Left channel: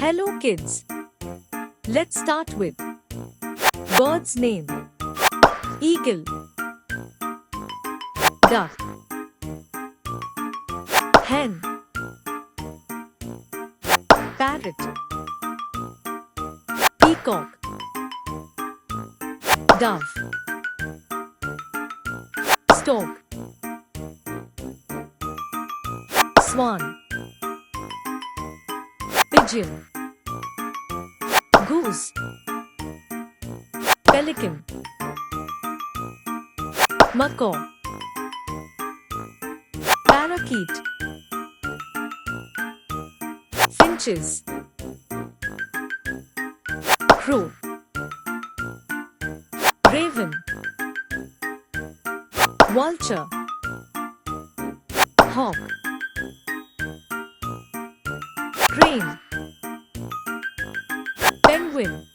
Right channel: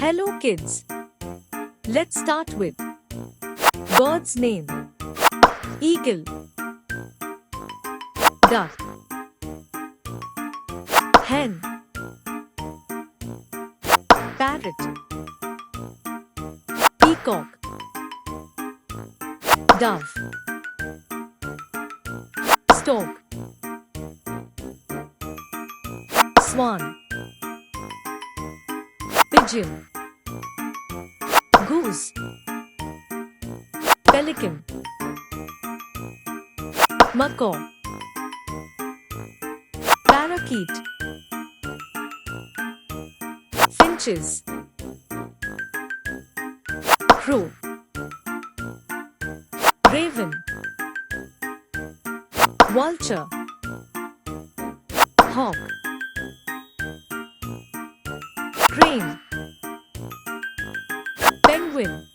Hello kids. Let's start with bird's name. Eagle, duck, hen, parrot, peacock, dove, stork, swan, pigeon, goose, pelican, macaw, parakeet, finches, crow, raven, vulture, hawk, crane, penguin,